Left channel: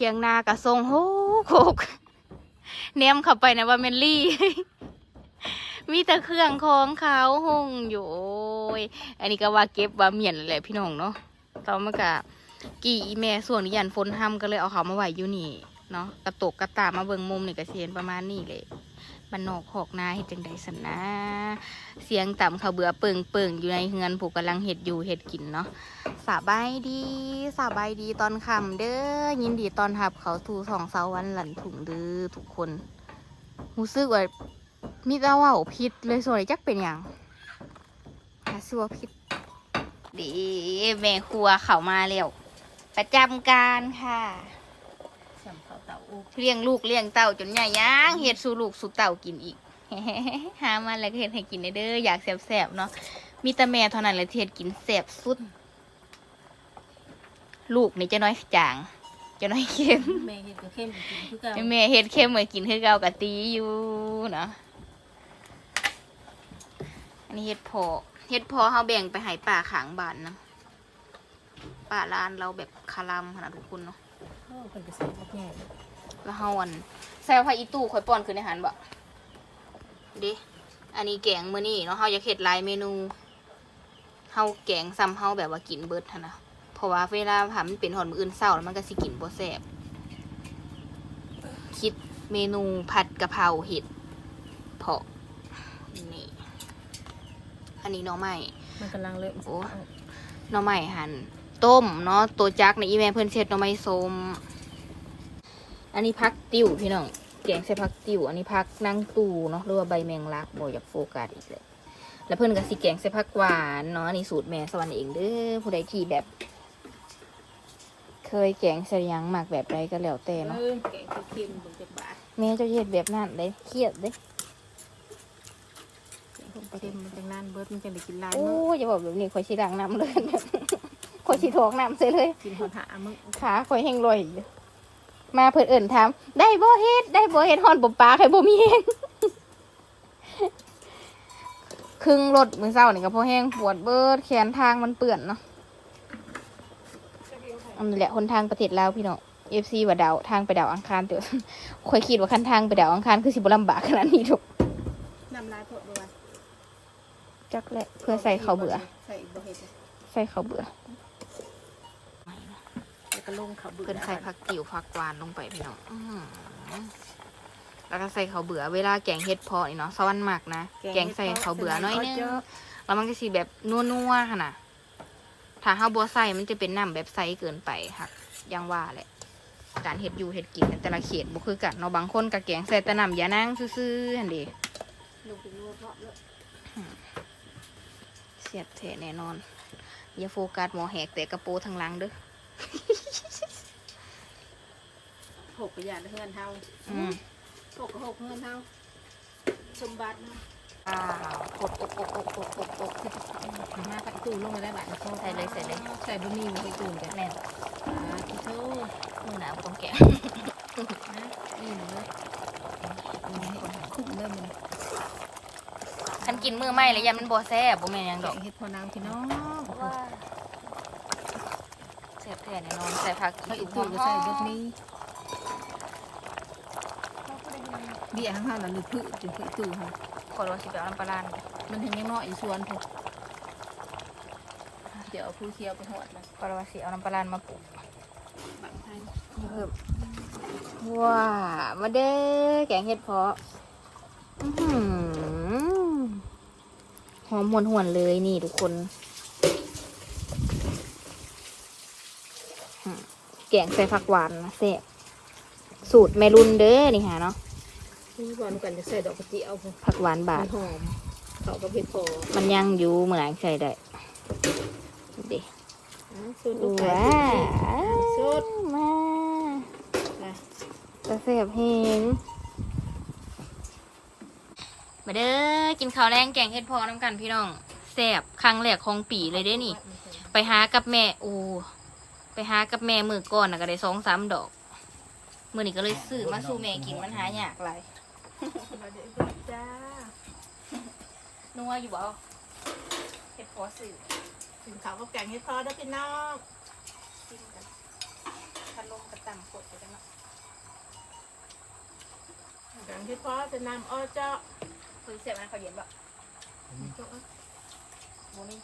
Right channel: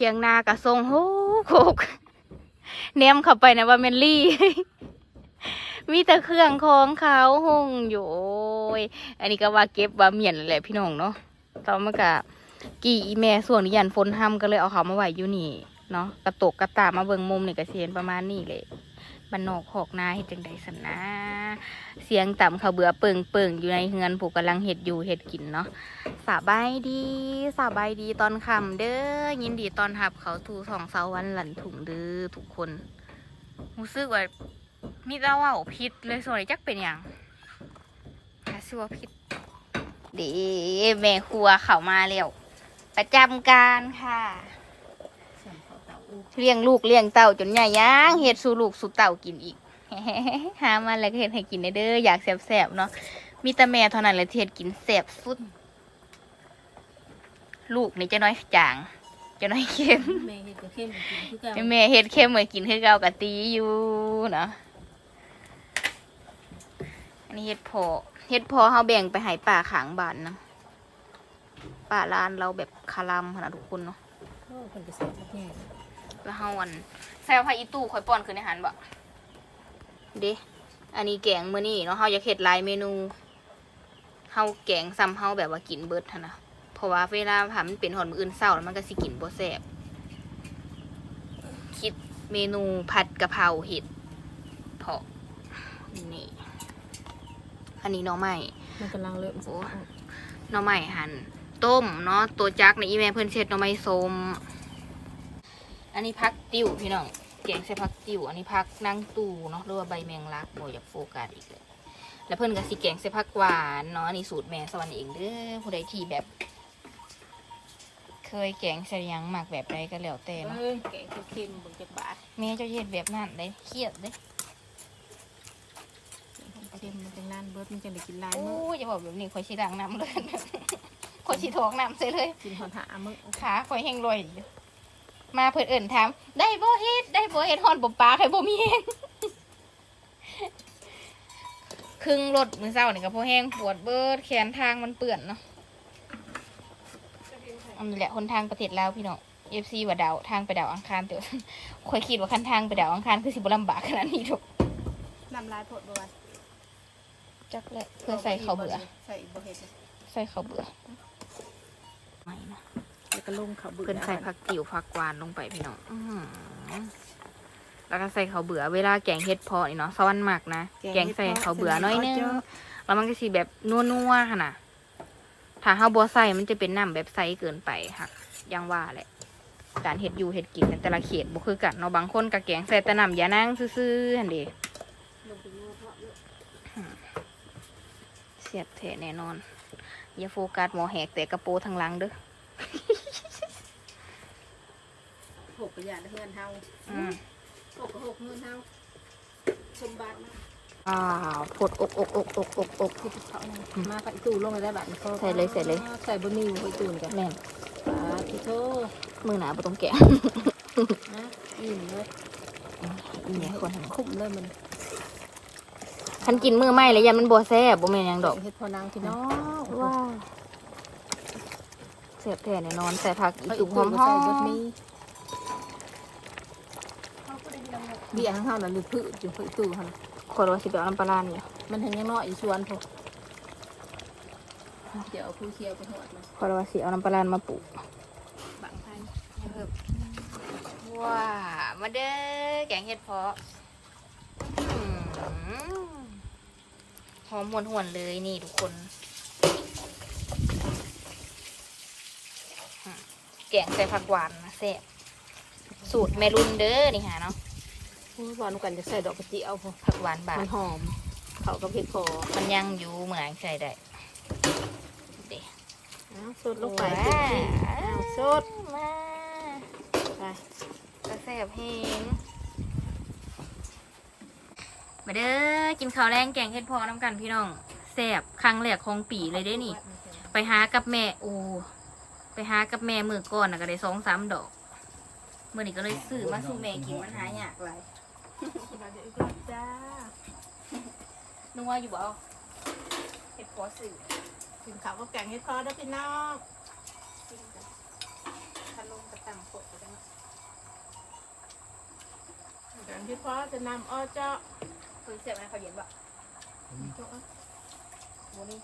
ถียงนากะทรงโหกโฮกเนมเข้าไปนะว่าเมนลี่ มีแต่เครื่องของเขาหงอยู่อันนี้ก็ว่าเก็บว่าเมียนแหละพี่น้องเนาะตอนมันกะกี่แม่ส่วนนี้ยันฝนห้ำก็เลยเอาเขามาไว้อยู่นี่เนาะกระตกกระตามาเบิงมุมนี่ก็สิเห็นประมาณนี้เลย บันนอกหอกนาเฮ็ดจังใดสันนะ เสียงต่ำเขาเบื่อเปิงเปิงอยู่ในเฮือนผูกกำลังเห็ดอยู่เห็ดกินเนาะสบายดีสบายดีตอนค่ำเด้อยินดีตอนหับเขาทูสองเสาวันหลันถุงเด้อทุกคนรู้สึกว่ามีแต่ว่าพิษเลยส่วนจักเป็นอย่างหาซัวพิษดีแม่ครัวเขามาแล้วประจำการค่ะ เขาเต่าอูเลี้ยงลูกเลี้ยงเต่าจนใหญ่ย่างเห็ดสู่ลูกสู่เต่ากินอีกหามันแล้วก็เห็ดให้กินได้เด้ออยากแสบๆเนาะมีแต่แม่เท่านั้นแหละที่เห็ดกินแสบสุด ลูกนี่จะน้อยจางจะน้อยเค็มแม่เห็ดกับเข้มกินคือกันแต่แม่เห็ดเค็มเหมือนกินคือเก่ากะตีอยู่เนาะอันนี้เห็ดพอเห็ดพอเขาแบ่งไปให้ป่าขางบ้านนะป่าลานเราแบบคารัมขนาดทุกคนเนาะโอ้เป็นกระแสมากแง่ แล้วเฮาอันใส่ผ้าอีตู้ข่อยป้อนขึ้นในหันบ่เด้อันนี้แกงมื้อนี้เนาะเฮาอยากเฮ็ดหลายเมนูเฮาแกงซ้ำเฮาแบบว่ากินเบิดหันนะเพราะว่าเวลาทำมันเป็นหอนมื้ออื่นเช้าแล้วมันก็สิกินบ่แซ่บคิดเมนูผัดกะเพราเห็ดเพาะนี่อันนี้หน้องใหม่มันกำลังเริ่มโอ้หน้องใหม่หั่นต้มเนาะตัวจักในอีแม่เพิ่นเช็ดหน้องใหม่ส้ม อันนี้พักติ่วพี่น้องแกงใส่พักติ่วอันนี้พักนั่งตูเนาะหรือว่าใบแมงลักบ่อยากโฟกัสอีกเลยแล้วเพิ่นก็สิแกงใส่พักหวานเนาะอันนี้สูตรแม่สวรรค์เองเด้อผู้ใดที่แบบ เคยแกงใส่หยังหมักแบบใดก็แล้วแต่เอเนาะอแกงเข้มๆบนจากบาทแม่เจะเย็ดแบบนั้นเลยเครียดเด้อเข้มๆมันจังนั้นเบิร์ดมันจะได้กินหลายโอ้มื้อยอย่าบอกแบบนี้ข่อยสิดังน้ำเลยข่อยสิทอกน้ำใส่เลยกินหอนหามึงขาข่อยแห้งลอยอยู่ มาเพิ่นเอิ่นถามได้บ่เฮ็ดได้บ่เฮ็ดฮอนบ่ปลาใครบ่มีแห้งครึ่งรถมือเศร้านี่ก็พอแห้งปวดเบิดแขนทางมันเปื่อนเนาะอันนี้แหละคนทางประเทศลาวพี่น้องเอฟซีว่าดาวทางไปดาวอังคารตัวข่อยคิดว่าคันทางไปดาวอังคารคือสิบ่ลำบากขนาดนี้ทุกน้ำลายพดบ่วะจักแหละเพื่อใส่ข้าวเบื่อ ใส่บ่เห็ดใส่ข้าวเบื่อไม่นะ แล้วก็ลงเขาเบื่อเพิ่นใส่ผักติ๋วผักหวานลงไปพี่น้องอื้อหือแล้วก็ใส่ข้าวเบื่อเวลาแกงเฮ็ดเพอนี่เนาะสวรรค์หมักนะแกงใส่ข้าวเบื่อหน้อยนึงแล้วมันก็สิแบบนัวๆค่ะนะถ้าเฮาบ่ใส่มันจะเป็นน้ำแบบใสเกินไปค่ะอยังว่าแหละ การเฮ็ดอยู่เฮ็ดกินแต่ละเขตบ่คือกันเนาะบางคนก็แกงใส่แต่น้ำยานางซื่อๆหั่นเด้ลงไปนัวเพราะเยอะเสียบแท้แน่นอน อย่าโฟกัสหมอแหกแต่กระโปรงทางหลังเด้อ หกกระยานเฮือนเฮาอืมหกกับหกเฮือนเฮาสมบัตินะอ้าวกดอกอกอกอกอกอกที่จะเข้ามาใส่ตู้ลงเลยได้บัดนะใส่เลยใส่เลยใส่บะหมี่ในตู้กันแม่นอ่าที่โทษมือหนาบ่ต้องแกะนะอิ่มเลยอีนี่ก่อนคุ้มเลยมันฉันกินมือไหม้แล้วยันมันบัวแซ่บบ่แม่นหยังดอกเฮ็ดพอนางพี่น้องว้าว เสียบแท้แน่นอนใส่ผักอีเขาสุอีกกหตู้อมก็หอใส่มเบิดนี้เบี้ยข้างๆน่ะหรือพืชจุดพืชตู้ค่ะคนว่าสิไปเอาน้ำปลาร้านี่มันเห็นยังน้อยอยู่สวนพอเดี๋ยวเอาผู้เคียวไปทอดนะคนว่าสิเอาน้ำปลาร้ามาปลูกบางท่านเพิ่มว้ามาเด้อแกงเห็ดเพาะอื้อหือหอมหวนหวนๆเลยนี่ทุกคนอืม แกงใส่ผักหวานนะแซ่บสูตรแม่รุ่นเด้อนี่ฮะเนาะหวานกันจะใส่ดอกกระเจียวพอผักหวานบามัทนหอมเขาก็เผ็ดพอมันยังอยู่เหมือนใส่ได้ดิอ้าวสดลงไปว้าอ้าวสดมาไปกระเสียบเฮงมาเด้อกินข้าวแรงแกงเห็ดพอน้ำกันพี่น้องแซ่บครั้งแรกของปีเลยเด้นี่ ไปหากับแม่โอ้ไป หากับแม่มือก่อนนะก็ได้สองสามดอก มือนี้ก็เลยซื้อมาสู่แม่กินมันหายากไรจ้านัวอยู่บ่เห็ดพอสื่อถึงเขาก็แกงให้พอได้พี่น้องทพัดลมกระต่ำกดอยู่แล้วเนาะอย่างที่พ่อจะนำอ้อเจ้าคือเสียบมันเขาเย็นบ่โจ๊กโมนี่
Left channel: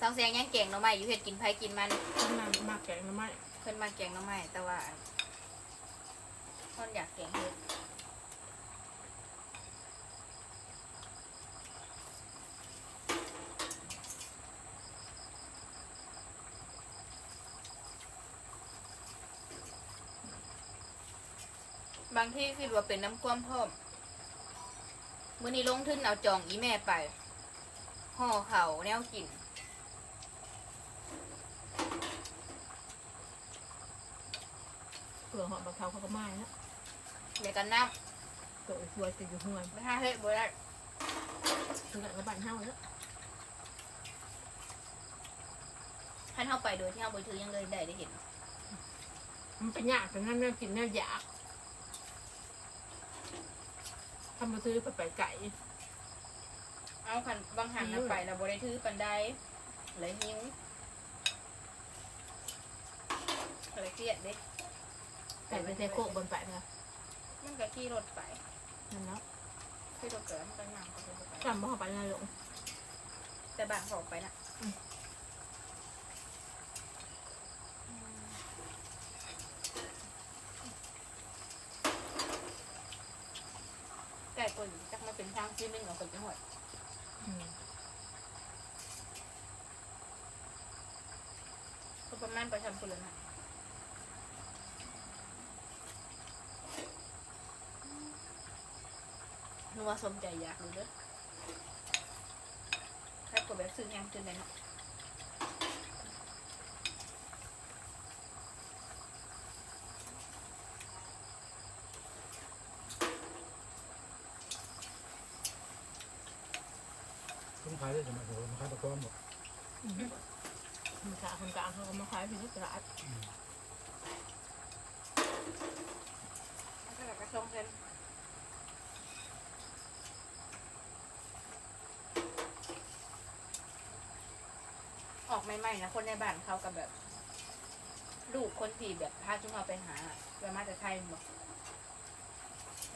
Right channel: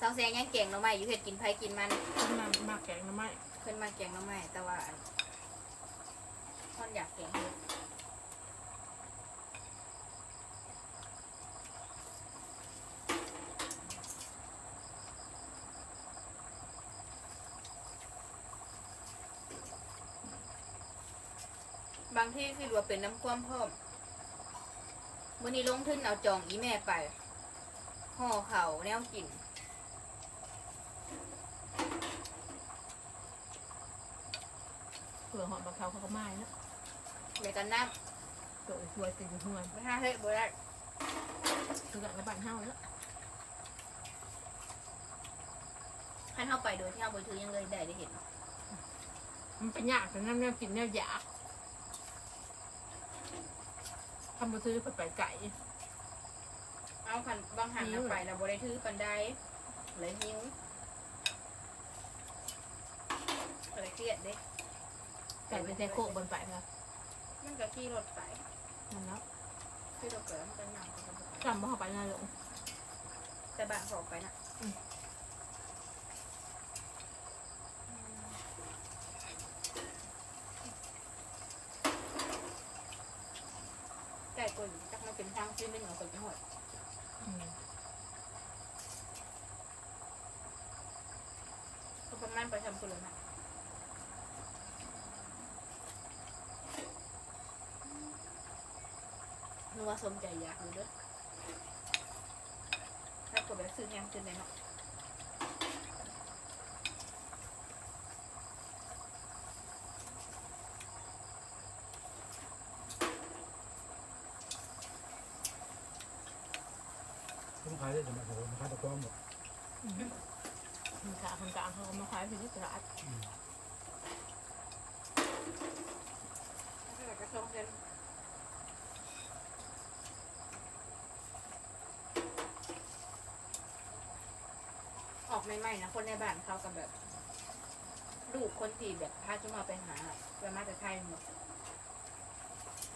สองแสงยังเก่งเนาะไม่อยู่เห็ดกินไผกินมันนำมาแกงหน้ำไม้ขึ้นมาเก่งเนาะไม่แต่ว่าท่อนอยากเก่งเฮ็ดบางที่คือว่าเป็นน้ำความพร้อมมื่อนี้ลงทุนเอาจองอีแม่ไปห่อเขาวแนวกิน เผื่อหอมบะเขาเขาก็ไม้นะเดี๋ยวกันน้ตัวสวยจะอยู่ห่วยำไม่ห้าเฮ้ยบ่ได้ถึงกับกระบันเท่าแล้วให้เข้าไปโดยที่เอาไปถือยังเลยได้ได้เห็นมันเป็นยากแต่นั่นแนวกินแนวอยากทำมาซื้อไปไปไก่เอาคันบางหันเอาไปแล้วบ่ได้ถือปันไดเลยหิวอะไรเครียดเด้ ไก่ไปแต่โคกบนไปนะมันก็ขี่รถไปนั่นแล้วขี่รถไปแล้วมันก็ย่างไปก็บ่ไปจำบ่เข้าไปในหลงแต่บ้านเขาออกไปนะอืมไก่กนจักมาเป็นทางที่เป็นของคนจังหวัดอืมก็ประมาณไปทำคนเลยนะนัว สมใจอยากดูเด้อถ้ากดแบบซื้อแฮมจนได้เนาะเขาขายได้สมัยโหมาขายตะกร้อมบอกอืมมันกลางคนกลางเขาก็มาขายพี่นักตลาดถ้าแบบกระช่องเส้น ออกใหม่ๆนะคนในบ้านเขากับแบบ ลูกคนที่แบบพาจุมาไปหาแบบมาจากไทยบอก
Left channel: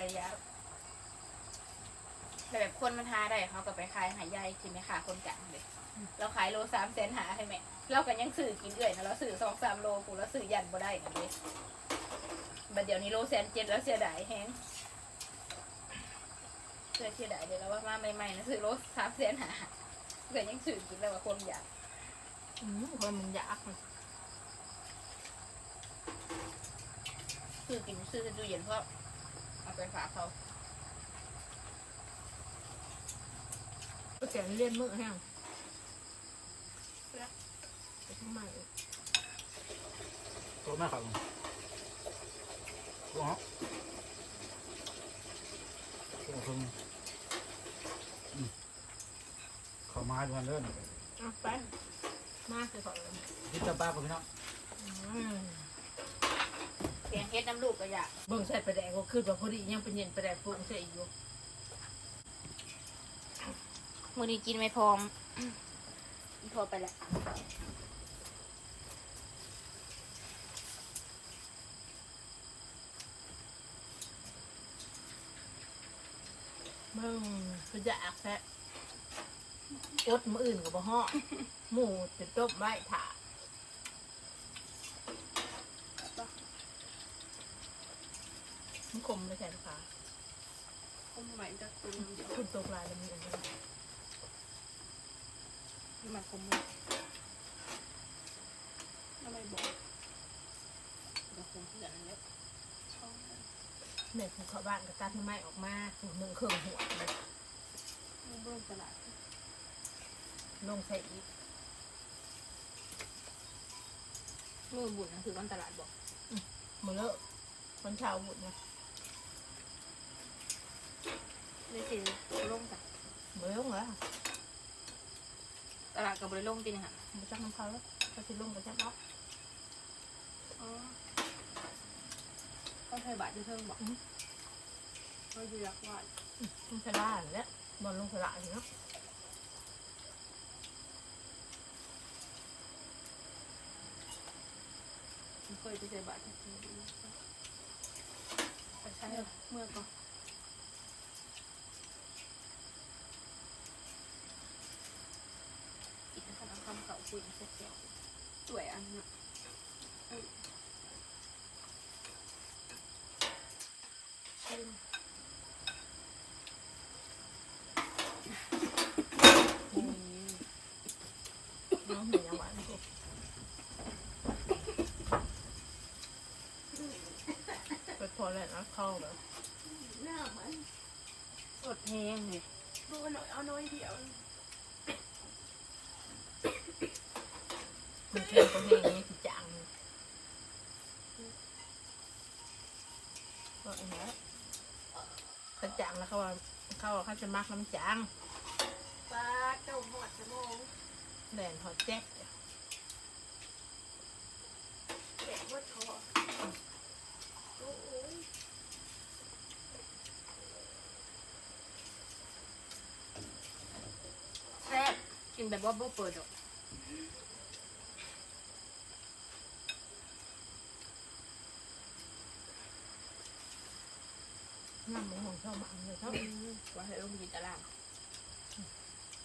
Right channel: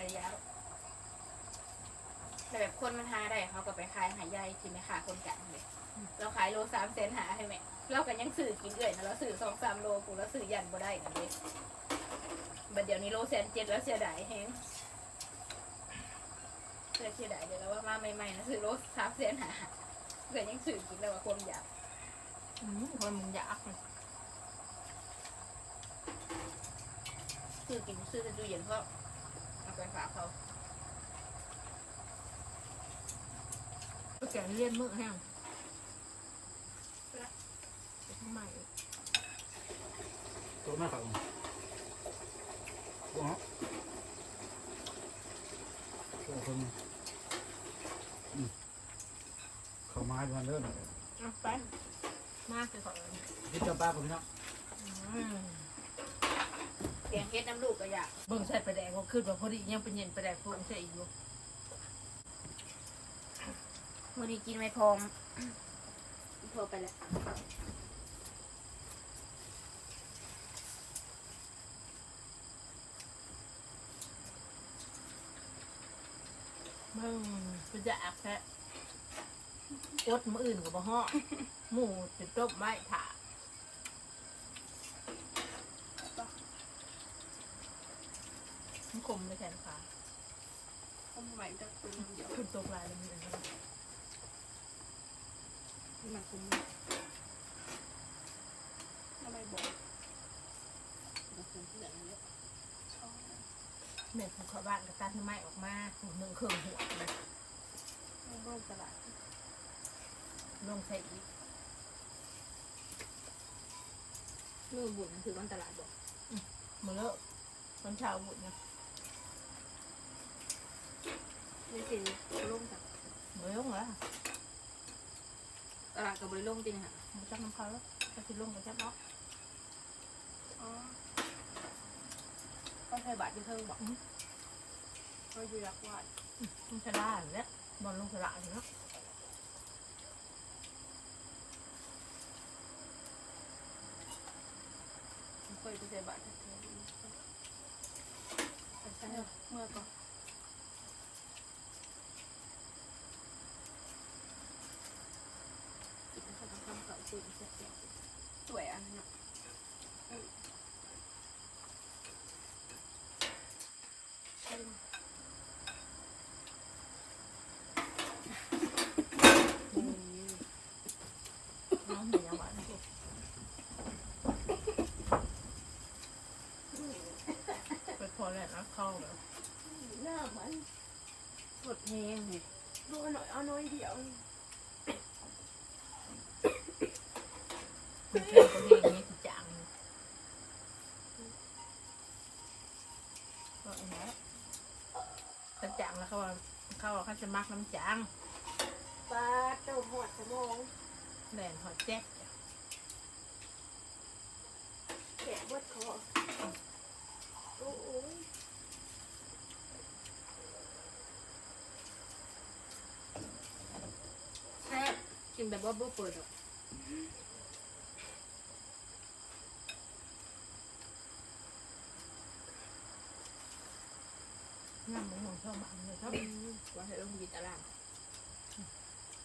ระยะแต่แบบคนมันหาได้เขาก็ไปขายหายายที่ไม่ขาคนกลางเลยเราขายโลสามแสนหาให้แม่เรากันยังสื่อกินเอื่อยนะเราสื่อสองสามโลกูแล้วสื่อยันบ่ได้กันเลยบัดเดี๋ยวนี้โลแสนเจ็ดแล้วเสียดายแฮงเสียดายเดี๋ยวเราว่ามาใหม่ๆนะสื่อโลสามแสนหาเกิดยังสื่อกินแล้วว่าคนอยาก คนมันอยากสื่อกินสื่อจะดูเย็นเพราะเอาไปฝากเขาก็แกงเลี่ยนมือแห้งไปทำไมตัวแม่เขาตัวฮะตัวคงอืมเขาไม้ด้วยกันเด้อเอาไป มากเลยก่อนเลยที่เจ้าป้ากับพี่น้องอืมเพียงเฮ็ดน้ำลูกก็อยากเบิ่งใส่ประแดงก็ขึ้นว่าพอดียังเป็นเย็นประแดงฟุ้งใส่อีกอยู่มือนี้กินไม่พร้อมอีพอไปแล้วมึงเป็นอยากแท้ อดมืออื่นกับบ่ฮ้อหมูจะต้มไว้ถ่ามันคมเลยแทนค่ะเขาใหม่จะเป็นเดี๋ยวขึ้นตกลายแล้วมีอะไรบ้างมันคงทำไมบอกมันคงเพื่อนเลยแม่ผูเขาบ้านก็ตัดน้ำไม้ออกมาถูหนึ่งเครื่องหัวเลยไม่ร่วมตลาด ลงใส่อีกมือบุญคือวันตลาดบอกมือเลอะคนชาวบุญนะไม่สิร่มจากเบื่อเหรอตลาดกับบริร่มจริงค่ะมาจับน้ำเขาแล้วก็สิลงกับจับเนาะอ๋อต้องใช้บาทที่เพิ่งบอกก็อยู่รักวาดมันสลาแล้วบอลลงสลาอยู่เนาะ ยไปใส่บาตรไปใช้เมื่อก่อนกินขนมคำเก่าจริงเสียสวยอันนั้น น้องเห็นยังหวานไปพอแล้วนะเข้าแบบ หน้ามันสดแห้งเลยดูหน่อยเอาน้อยเดียวมันเค็มก็เองเนี่คือจังก็ไอ้แม่กระจังแล้วเขาว่าเขาว่าเขาจะมักน้ำจังปลาเจ้าหอดสมองแหลนหอดแจ๊ก แกะวัดคอโอ้โห แซ่บ กินแบบว่าบ่เปิดหรอกน้ำมันหงชอบมันเลยชอบว่าให้ลงยินตาราง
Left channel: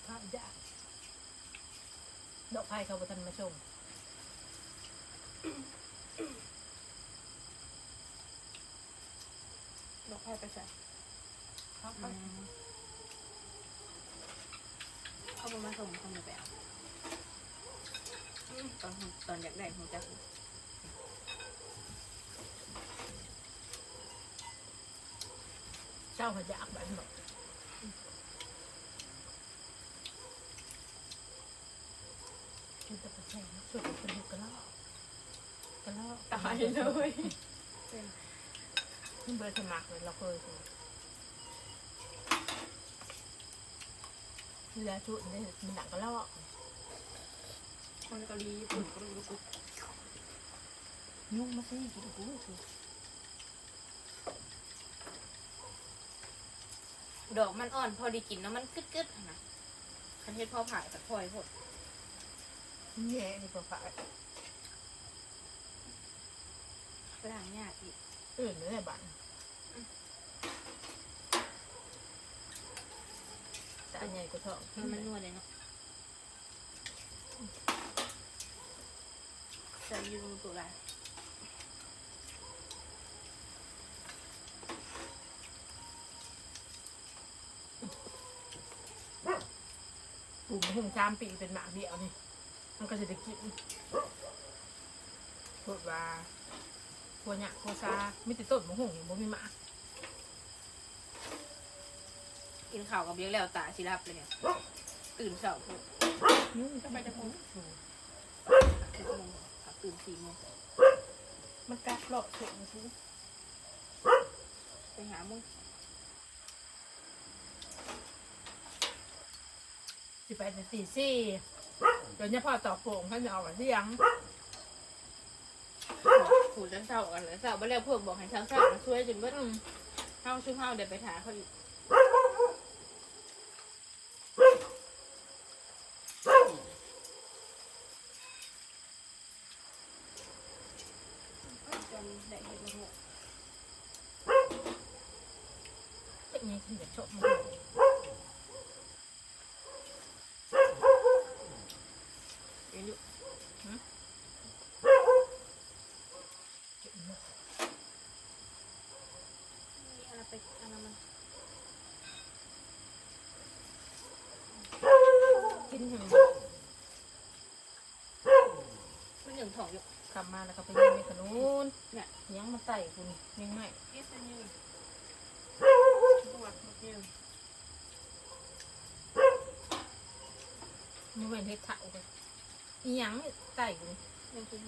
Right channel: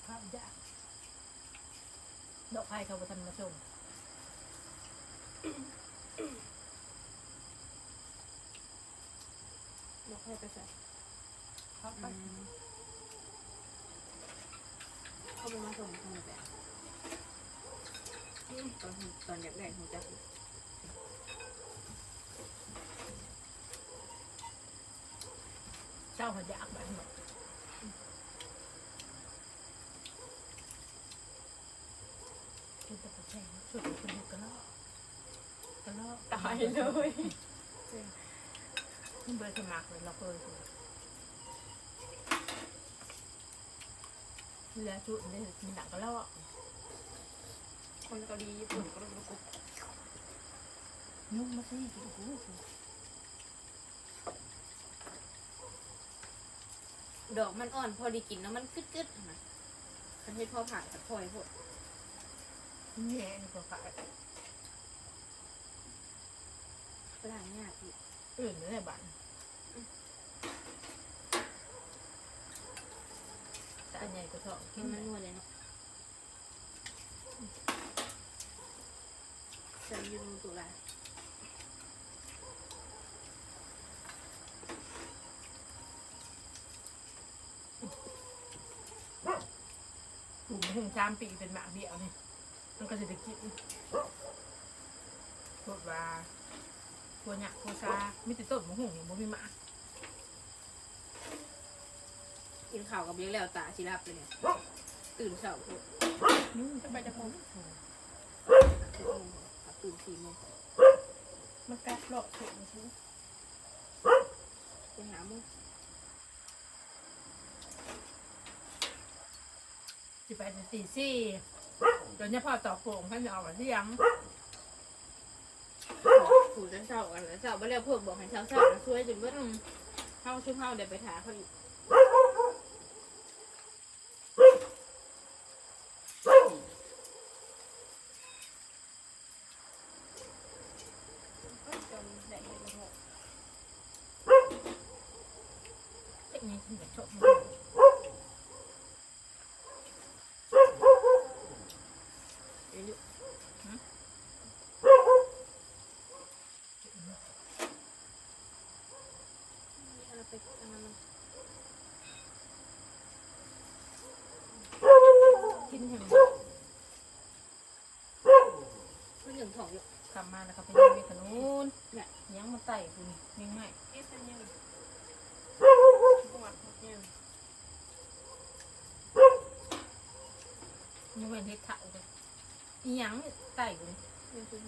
ข้าวยากดอกไผ่เขาไปทันมาชมเราค่อยไปใส่เขาไป เข้ามาส่งทางไหนแบบตอนตอนอยากได้หัวใจเจ้าเขาอยากแบบนั้นคุณจะไปแช่งสุดคุณดูกระลอกกระลอกตายเลยนี่เบอร์สมัครเลยเราเคย เวลาชุดนี่มีหนังกระลอกคนเกาหลีญี่ปุ่นก็รู้กุยุ่งมาสิกินกูสิดอกมันอ่อนพอดีกินแล้วมันกึดๆนะคันเทศพอผ่ากับพลอยพดแง่นี่ก็ฝ่ายฝรั่งยากอีกอื่นไม่ได้บัน แต่อันใหญ่ก็ชอบมันมันนวดเลยเนาะใส่ยูตัวอะไรปลูกมาถึงสามปีเป็นหมากเดียวนี่มันก็จะได้กินพวกว่าพวกหยาพวกซาไม่ติดต้นมะฮุ่งบ่มีหมาก กินข้าวกับเลี้ยงแล้วตาชิรับเลยเนี่ยตื่นเช้าพูดยุ่งจะไปจะมองสิบโมงขับตื่นสี่โมงมันกัดเลาะเสียงสิไปหาโมงสิไปแต่ตีสี่เดี๋ยวนี้พ่อตอกโป่งท่านจะเอาไว้ที่ยังผูดเช้ากันแล้วเช้าไปแล้วพวกบอกให้เช้าเช้ามาช่วยจนเมื่อเช้าช่วยเช้าเดี๋ยวไปถาเขาอีกจนได้เห็นละหก เทคนิคที่จะชอบมะฮุ่งอายุอะไรไปอะไรมันกินแห้งมันหนึ่งถองอยู่กลับมาแล้วก็ไปยิงเมขนูนเนี่ยยังมาไต่คุณยังไง เอสยืนปวดยืน ยังเว้นเฮ็ดเถ่าเลยอีหยังไต่คุณยังคือ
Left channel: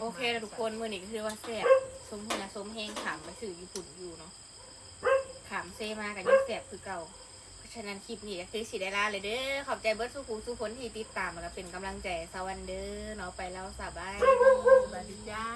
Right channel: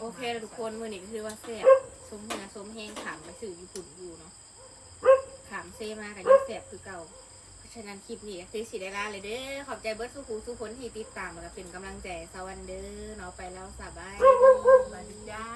โอเคแล้วทุกคนมื่อนี้ก็คือว่าแซ่บสมหัวสมเฮงขามไปสื่อญี่ปุ่นอยู่เนาะขามเซมากับยังแซ่บคือเก่า เพราะฉะนั้นคลิปนี้ก็คือสิได้ลาเลยเด้อ ขอบใจเบิร์ดสุขุสุคนที่ติดตามมาก็เป็นกำลังใจสวัสดีเด้อเนาะไปแล้วสบายดีสวัสดีจ้า